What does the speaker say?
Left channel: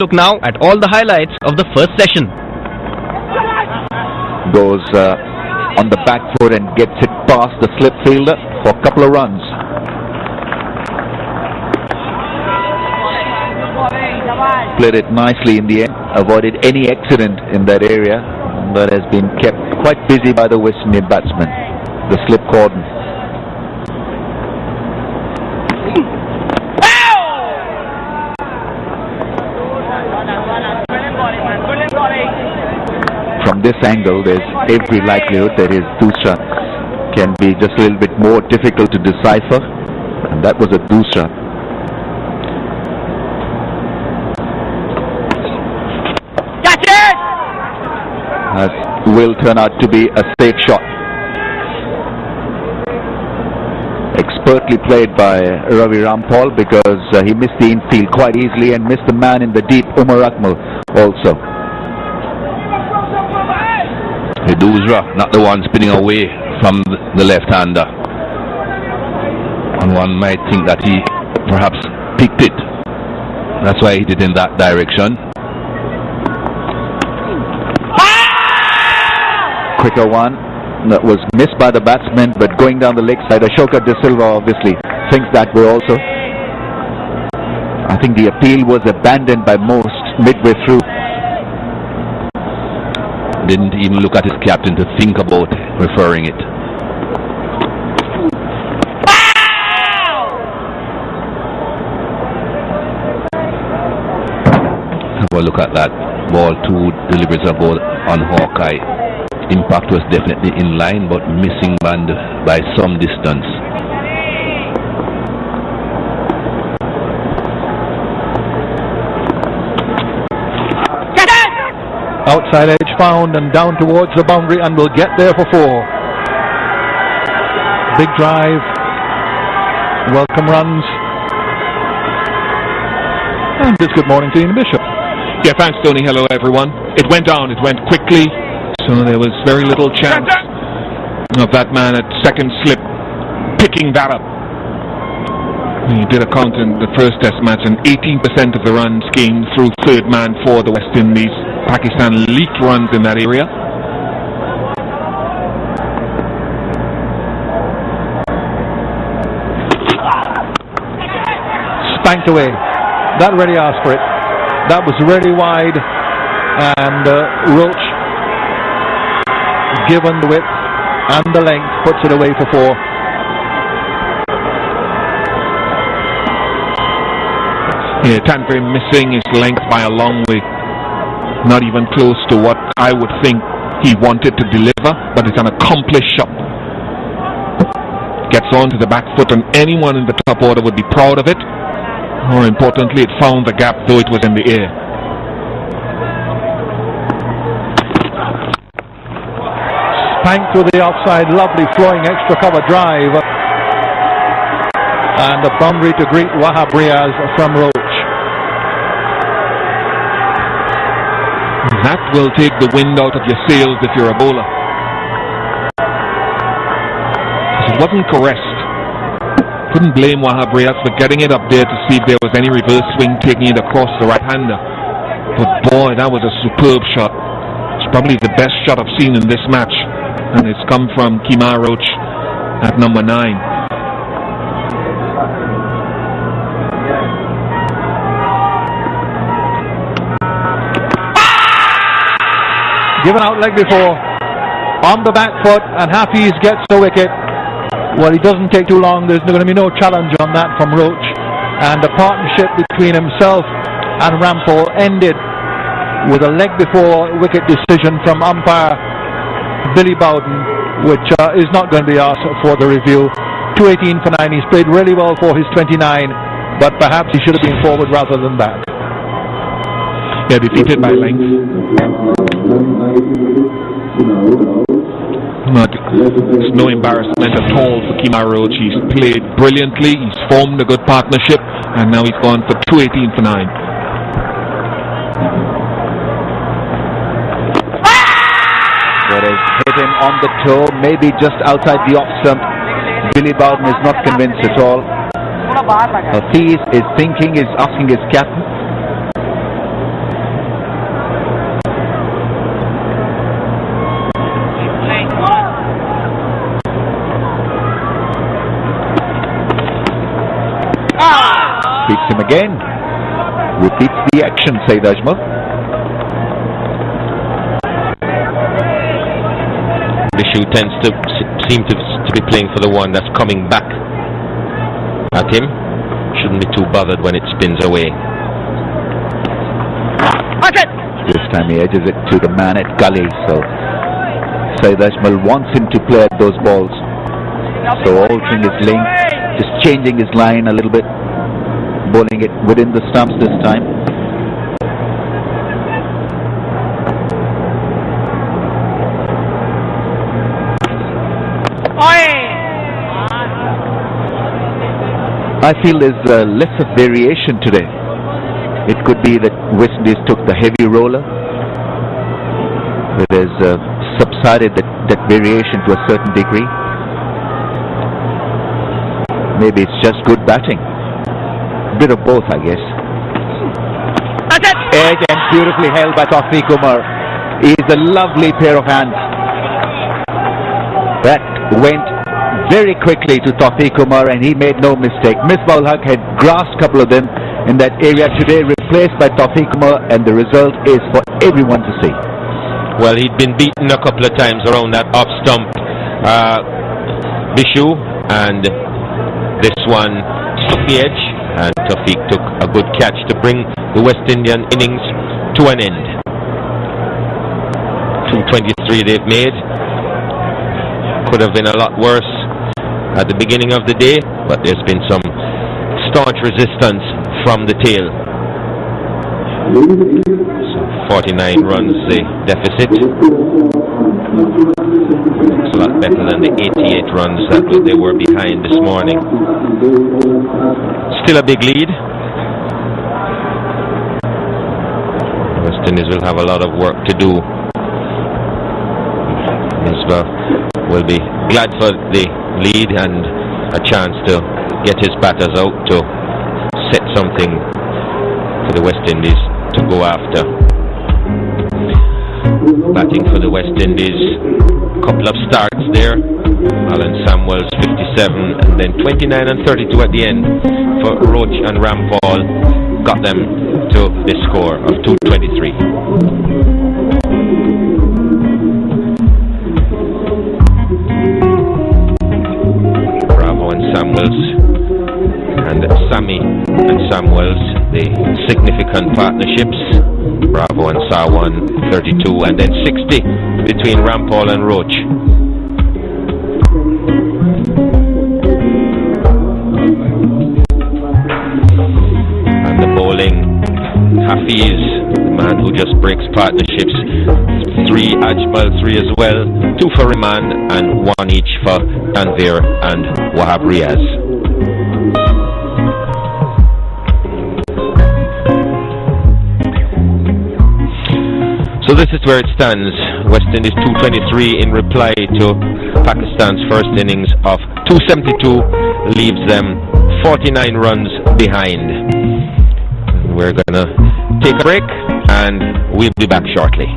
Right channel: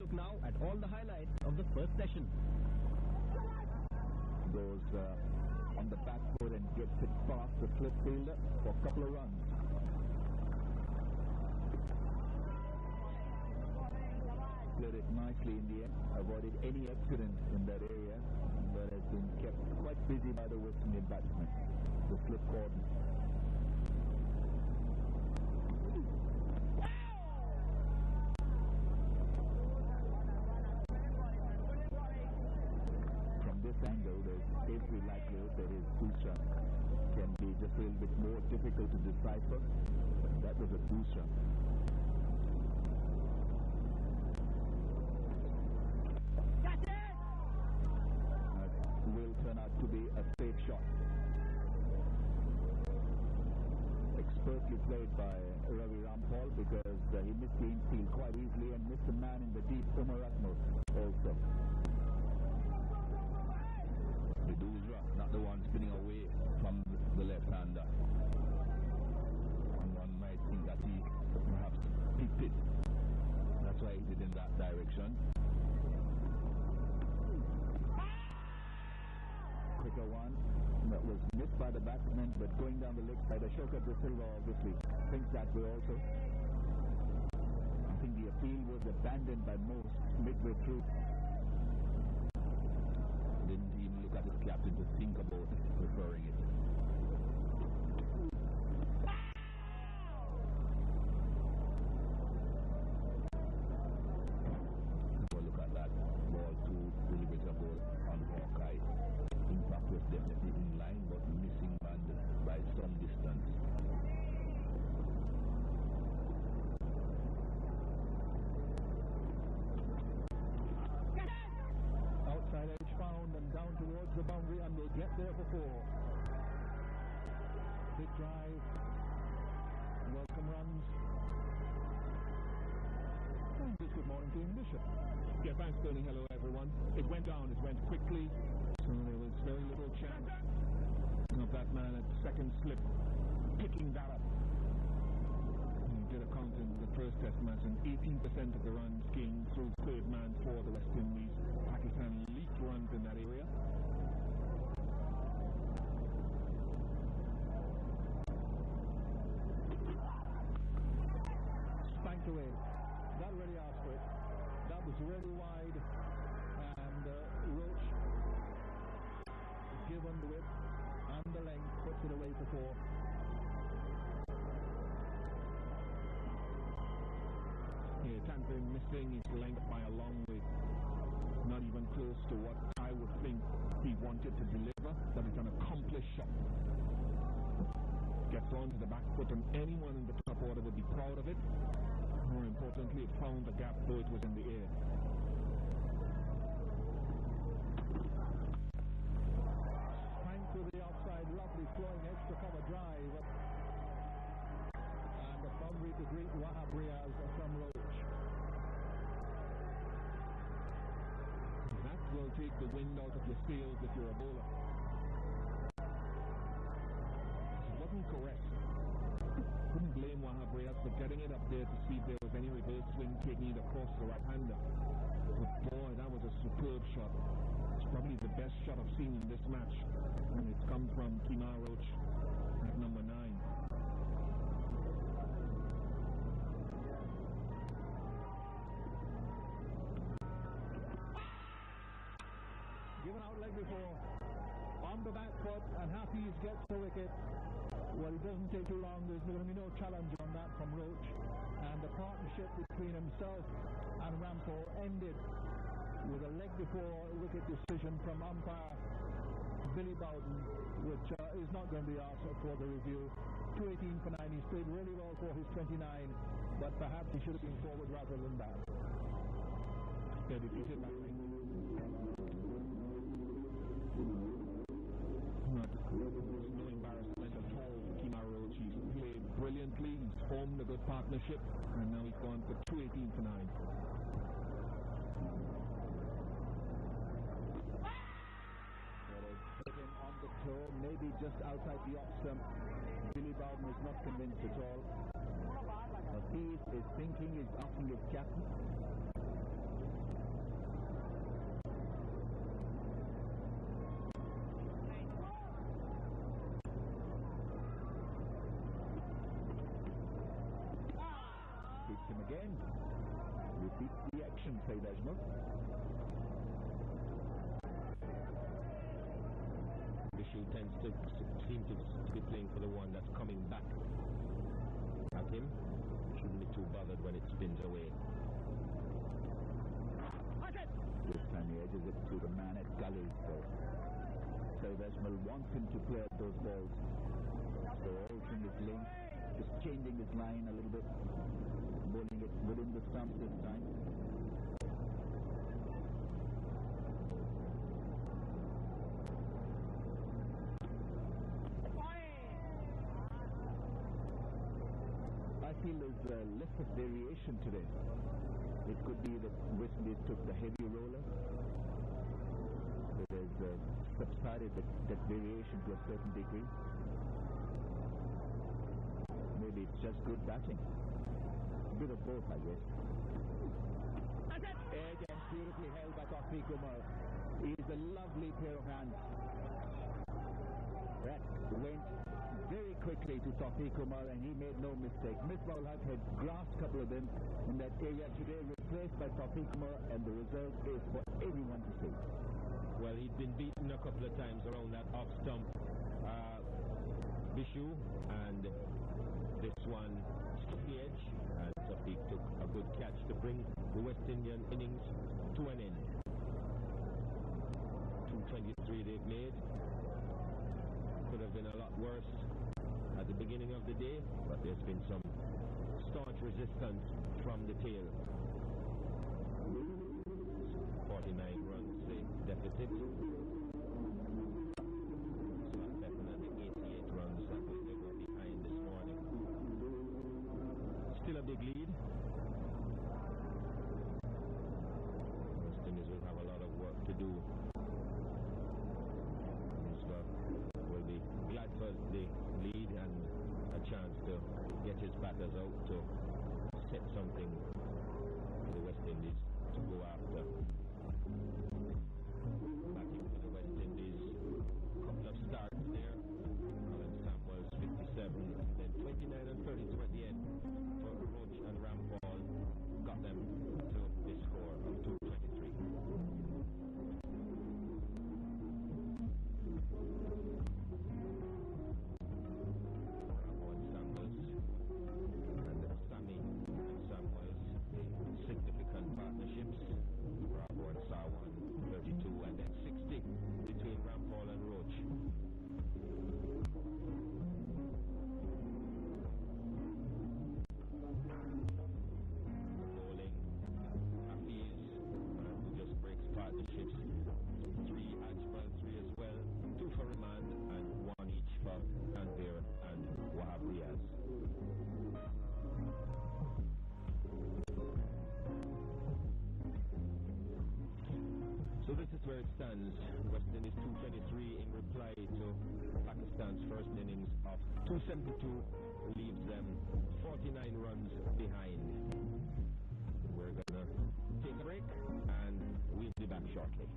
Look now at all the highlights of the first session. Goes on the back foot and gets it past the slip fielder for a couple of runs. Played it nicely in the end, avoided any accident in that area, but has been kept quite busy by the West Indian batsman, the slip cordon. From this angle, there's every likelihood that his dusra can be just a little bit more difficult to decipher, and that was a dusra. That will turn out to be a safe shot. Expertly played by Ravi Rampal, because he missed the infield quite easily and missed the man in the deep, Umar Akmal, also. The Dusra, not the one spinning away from the left-hander. And one might think that he perhaps picked it. That's why he hit it in that direction. Quicker one that was missed by the batsman, but going down the leg side. Ashoka De Silva obviously thinks that way also. I think the appeal was abandoned by most midway through. Didn't even look at his captain to think about referring it. Have a look at that. Ball 2 deliveries a ball on Hawkeye. Impact was definitely in line, but missing band by some distance. Outside edge found and down towards the boundary, and will get there for 4. Big drive, welcome runs, and just good morning to Ian Bishop. Yeah, thanks, Tony. Hello, everyone. It went down, it went quickly, so there was very little chance of that man at second slip picking that up. He did a count in the first test match, and 18% of the runs came through third man for the West Indies. Pakistan leaked runs in that area. Spanked away. That really asked for it. That was really wide, and Roach, given the width and the length, puts it away for 4. Yeah, Tanvir missing his length by a long way. Not even close to what I would think he wanted to deliver, but it's an accomplished shot. Gets onto the back foot, and anyone in the top order would be proud of it. More importantly, it found the gap, though it was in the air. Spanked to the outside, lovely flowing extra cover drive. And the boundary to greet Wahab Riaz from Roach. That will take the wind out of your sails if you're a bowler. It wasn't caressed. Couldn't blame Wahab Riaz for getting it up there to see if there was any reverse swing taking it across the right-hander. But boy, that was a superb shot. It's probably the best shot I've seen in this match, and it's come from Kemar Roach at number 9. Given out leg before, on the back foot, and Hafiz gets the wicket. Well, he doesn't take too long. There's going to be no challenge on that from Roach, and the partnership between himself and Rampal ended with a leg before wicket decision from umpire Billy Bowden, which is not going to be asked for the review. 218 for 9. He's played really well for his 29, but perhaps he should have been forward rather than back. Yeah, defeated by length. It's no embarrassment at all for Kemar Roach. He's played brilliantly, he's formed a good partnership, and now he's gone for 218 for 9. That has hit him on the toe, maybe just outside the off stump. Billy Bowden is not convinced at all. Hafiz is thinking, is asking his captain. beats him again. Repeats the action, Saeed Ajmal. Bishu tends to seem to be playing for the one that's coming back at him. Shouldn't be too bothered when it spins away. This time he edges it to the man at gully, so Saeed Ajmal wants him to play at those balls. So altering his length, just changing his line a little bit, bowling it within the stumps this time. I feel there's less of variation today. It could be that West Indies took the heavy roller. It has subsided that variation to a certain degree. Maybe it's just good batting. Bit of both, I guess. Edge and beautifully held by Tawfiq Umar. He's a lovely pair of hands. That went very quickly to Tawfiq Umar and he made no mistake. Misbah-ul Haq had grasped a couple of them in that area today, replaced by Tawfiq Umar, and the result is for everyone to see. Well, he'd been beaten a couple of times around that off stump, Bishu, and this one struck the edge, and Tawfiq took a good catch to bring the West Indian innings to an end. 223 they've made. Could have been a lot worse at the beginning of the day, but there's been some staunch resistance from the tail. So 49 runs the deficit. It's a lot better than the 88 runs that they were behind this morning. Still a big lead. West Indies will have a lot of work to do. Misbah will be glad for the lead and a chance to get his batters out to set something for the West Indies to go after. Batting for the West Indies, couple of starts there. Alan Samuels 57 and then 29 and 32 at the end for Roach and Rampal, got them to this score of 223. Samuels and Sammy and Samuels, the significant partnerships. Bravo and Sawan 32 and then 60 between Rampal and Roach. And the bowling, Hafiz, the man who just breaks partnerships. 3 Ajmal, 3 as well, 2 for Rahman and 1 each for Tanvir and Wahab Riaz. So this is where it stands. West Indies 223 in reply to Pakistan's first innings of 272 leaves them 49 runs behind. We're gonna take a break and we'll be back shortly.